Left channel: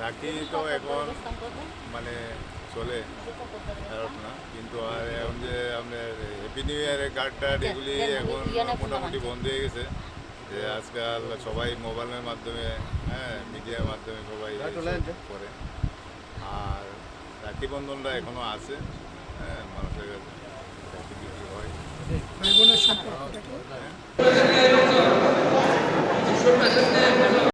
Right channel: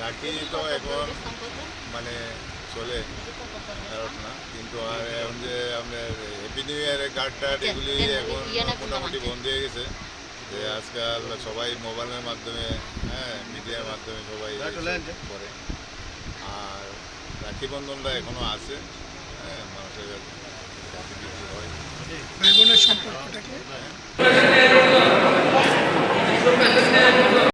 রাখি তো এখন মানে চলে না কিন্তু আর এখন যে আপনার হ্যাপি নিউ ইয়ারের কার্ড টার্ড এগুলি এখন মোটামুটি বন্ধ হয়ে গেছে। যে আজকাল সবাই মোবাইলের মাধ্যমে হ্যাঁ মিডিয়ার মাধ্যমে সবাই করে। আর রাখি বন্ধনটা এখনও আছে। হ্যাঁ বিক্রি হয় ভাই বোনের সম্পর্কটাকে।